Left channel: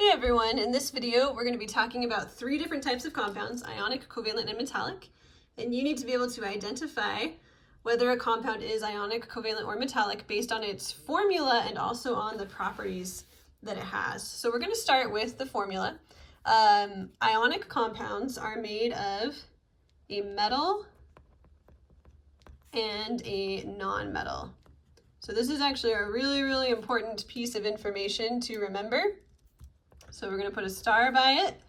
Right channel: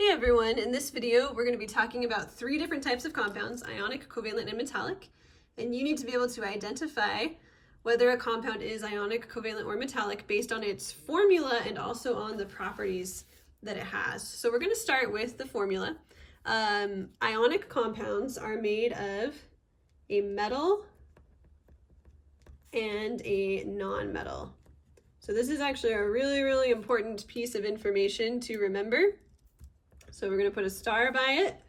Hey everyone, in this video we're going to be talking about three different types of compounds, ionic, covalent, and metallic. And you need to be able to identify whether a compound is ionic, covalent, or metallic based on its formula and also on the properties that it has. So we're going to start with the formula. Ionic compounds are made of a metal and a non-metal. So this is actually a really important piece of information to remember. So we're going to put a star by it.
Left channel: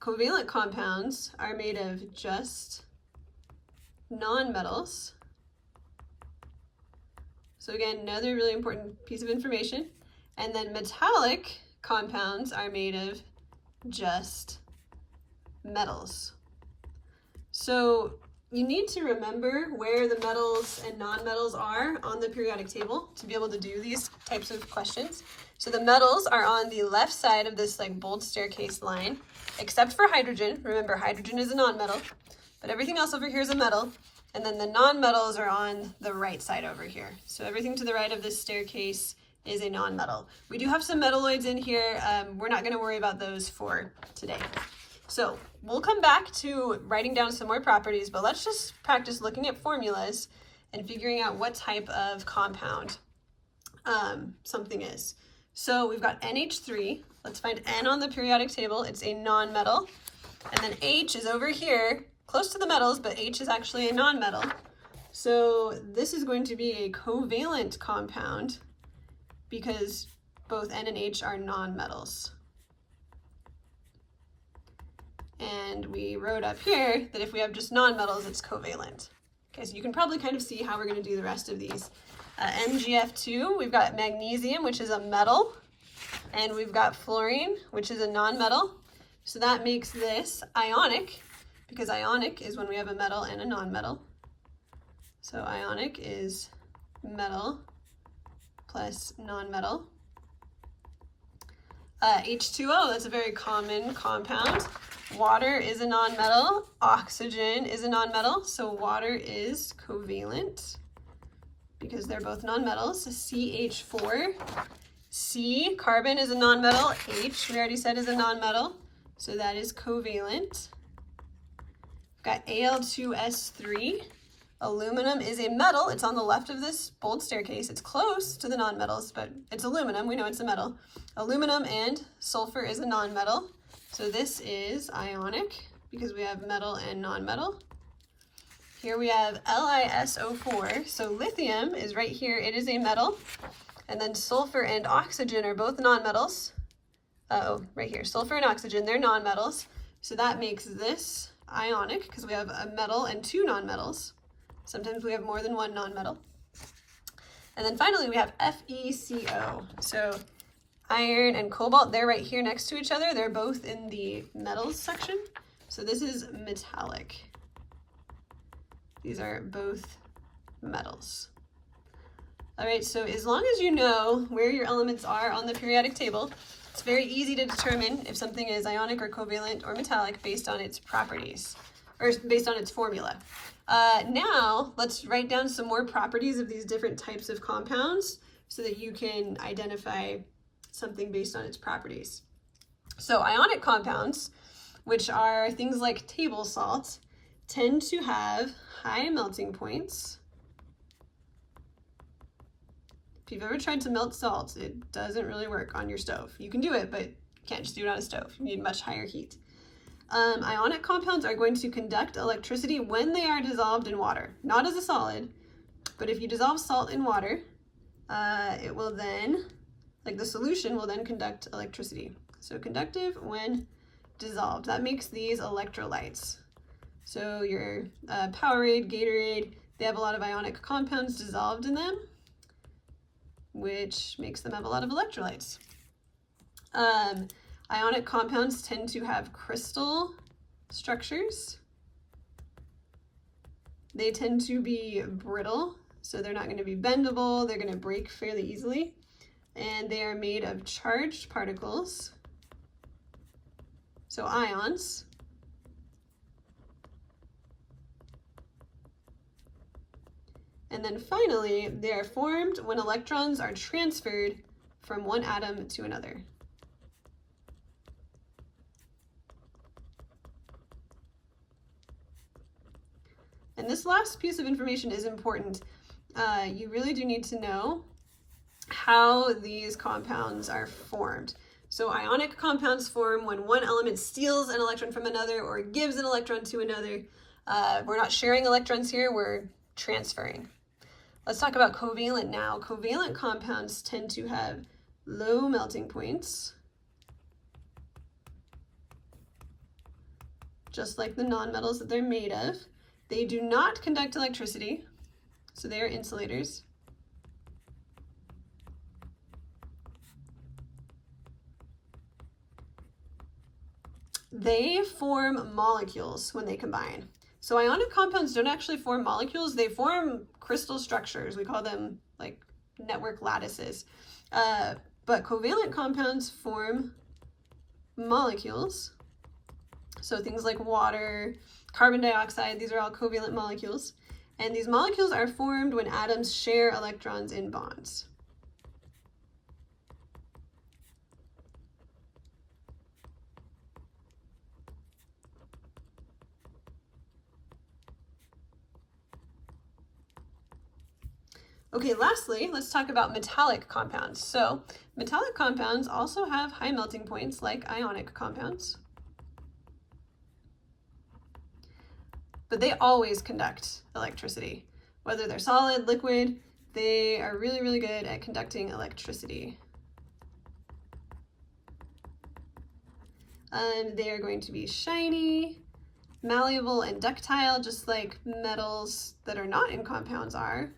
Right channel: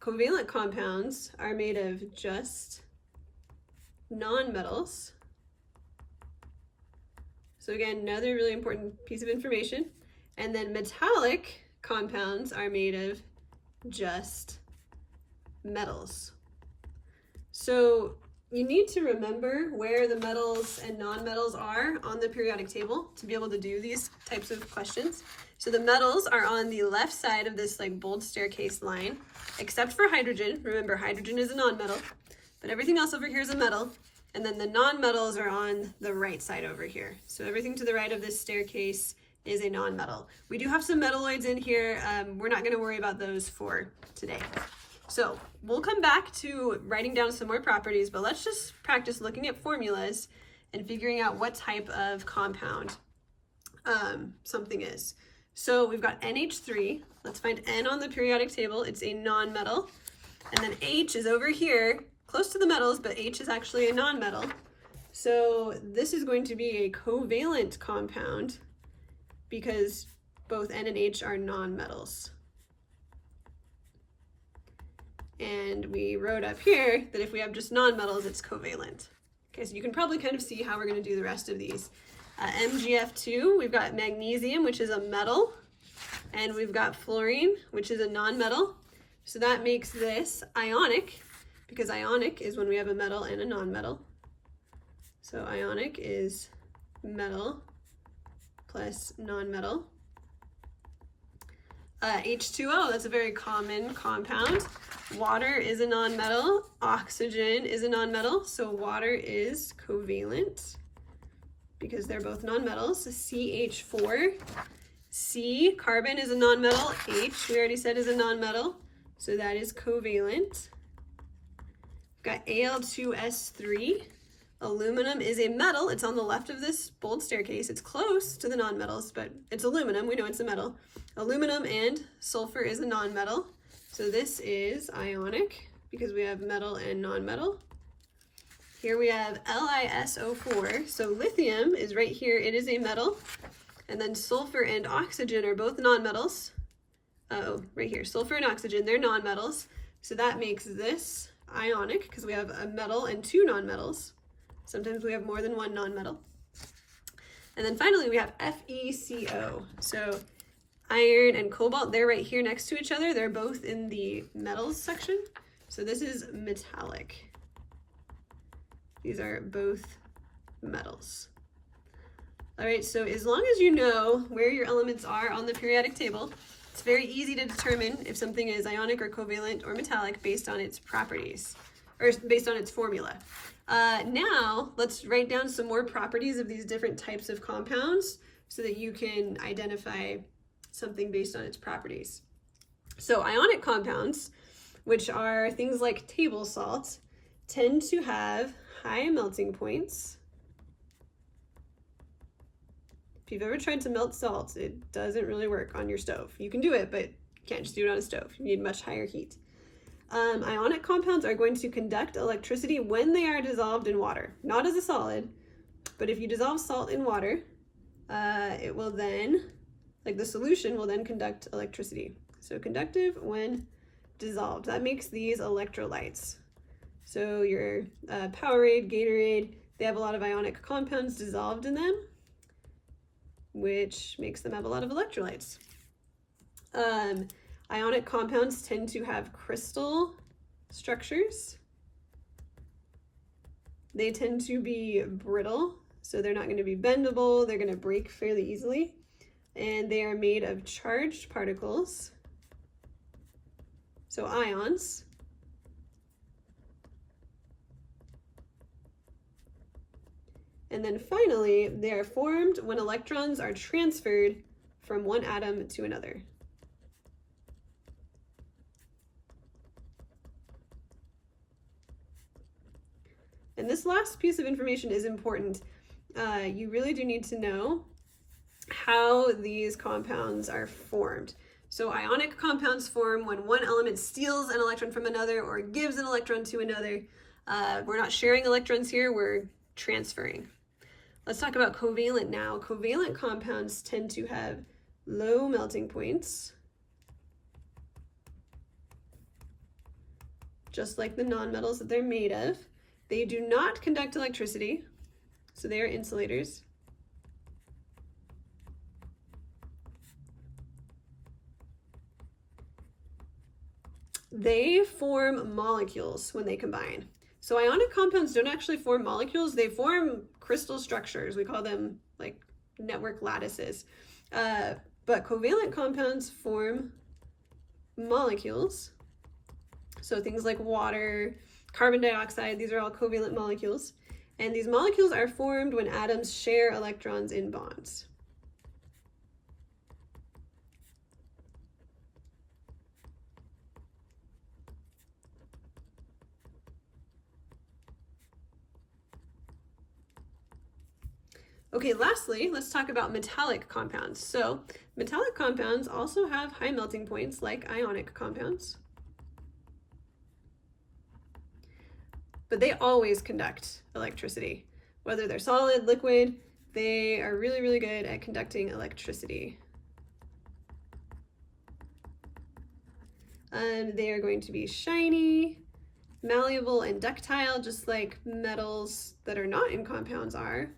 Covalent compounds are made of just nonmetals. So again, another really important piece of information. And then metallic compounds are made of just metals. So you need to remember where the metals and nonmetals are on the periodic table to be able to do these types of questions. So the metals are on the left side of this like bold staircase line, except for hydrogen. Remember, hydrogen is a nonmetal, but everything else over here is a metal. And then the nonmetals are on the right side over here. So everything to the right of this staircase is a nonmetal. We do have some metalloids in here. We're not going to worry about those for today. So we'll come back to writing down some more properties, but let's just practice looking at formulas and figuring out what type of compound something is. So we've got NH3. Let's find N on the periodic table. It's a nonmetal. And then H is over here, close to the metals, but H is actually a nonmetal. So this is going to be a covalent compound because both N and H are nonmetals. And we wrote up here that if we have just nonmetals, it's covalent. Okay, so you can probably kind of see how we're going to do the rest of these. MgF2, we've got magnesium, which is a metal, and we've got fluorine, which is a nonmetal. So that makes this ionic, because ionic is when we have a metal and a nonmetal. So ionic is metal plus nonmetal. H2O, that's a very common compound. Water is a nonmetal, oxygen is a nonmetal, so water is covalent because they're both nonmetals. CH4, C, carbon is a nonmetal, H, we already said is a nonmetal, so that is covalent. We've got Al2S3, aluminum is a metal, it's on the left of this bold staircase, it's close to the nonmetals, but it's aluminum, we know it's a metal. Aluminum and sulfur is a nonmetal. So this is ionic because we have metal and nonmetal. Here we have LiSO4. So lithium is right here. It is a metal. And then sulfur and oxygen are both nonmetals. Right here. Sulfur and oxygen, they're nonmetals. So that makes this ionic because we have a metal and two nonmetals. Sometimes we have more than one nonmetal. And then finally we have FeCO. So iron and cobalt, they're right here next to each other. They're both in the metals section. So this is metallic. These are both metals. All right, so as long as you know where your elements are on the periodic table, it's very easy to determine if something is ionic or covalent or metallic based on its properties, or based on its formula. Now, let's write down some more properties of these different types of compounds so that you can identify something based on its properties. So ionic compounds, which are things like table salt, tend to have high melting points. If you've ever tried to melt salt, it doesn't really work on your stove. You can do it, but you can't just do it on a stove. You need much higher heat. Ionic compounds are going to conduct electricity when they are dissolved in water, not as a solid, but if you dissolve salt in water, it will then, like the solution will then conduct electricity. So conductive when dissolved. That makes these electrolytes. So your Powerade, Gatorade, they have a lot of ionic compounds dissolved in them, which makes them have a lot of electrolytes. Ionic compounds tend to have crystal structures. They tend to be brittle, so they're not going to be bendable, they're going to break fairly easily. And they are made of charged particles, so ions. And then finally, they are formed when electrons are transferred from one atom to another. And this last piece of information is important. You really do need to know how these compounds are formed. So ionic compounds form when one element steals an electron from another or gives an electron to another. We're not sharing electrons here, we're transferring. Let's talk about covalent now. Covalent compounds tend to have low melting points, just like the nonmetals that they're made of. They do not conduct electricity, so they are insulators. They form molecules when they combine. So ionic compounds don't actually form molecules, they form crystal structures. We call them like network lattices. But covalent compounds form molecules. So things like water, carbon dioxide, these are all covalent molecules. And these molecules are formed when atoms share electrons in bonds. Okay, lastly, let's talk about metallic compounds. So metallic compounds also have high melting points like ionic compounds, but they always conduct electricity. Whether they're solid, liquid, they are really, really good at conducting electricity. And they are going to be shiny, malleable, and ductile, just like metals that are not in compounds are.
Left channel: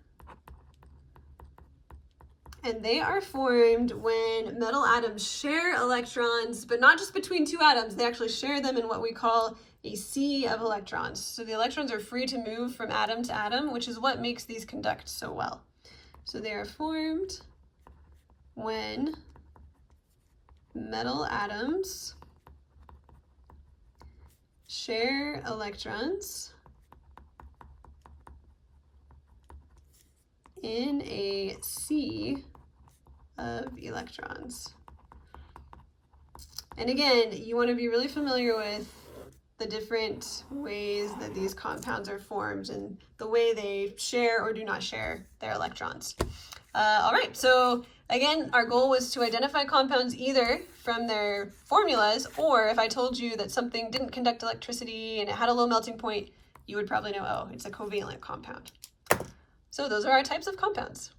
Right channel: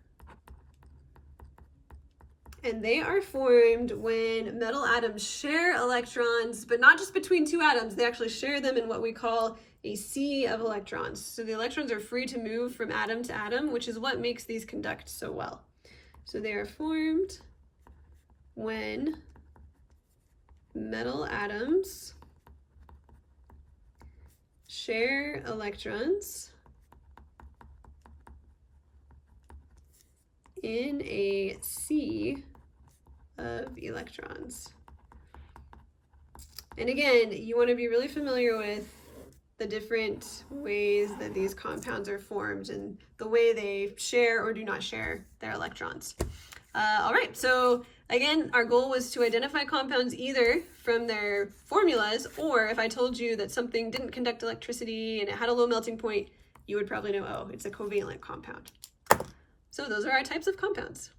And they are formed when metal atoms share electrons, but not just between two atoms, they actually share them in what we call a sea of electrons. So the electrons are free to move from atom to atom, which is what makes these conduct so well. So they are formed when metal atoms share electrons in a sea of electrons. And again, you want to be really familiar with the different ways that these compounds are formed and the way they share or do not share their electrons. All right, so again, our goal was to identify compounds either from their formulas, or if I told you that something didn't conduct electricity and it had a low melting point, you would probably know, oh, it's a covalent compound. So those are our types of compounds.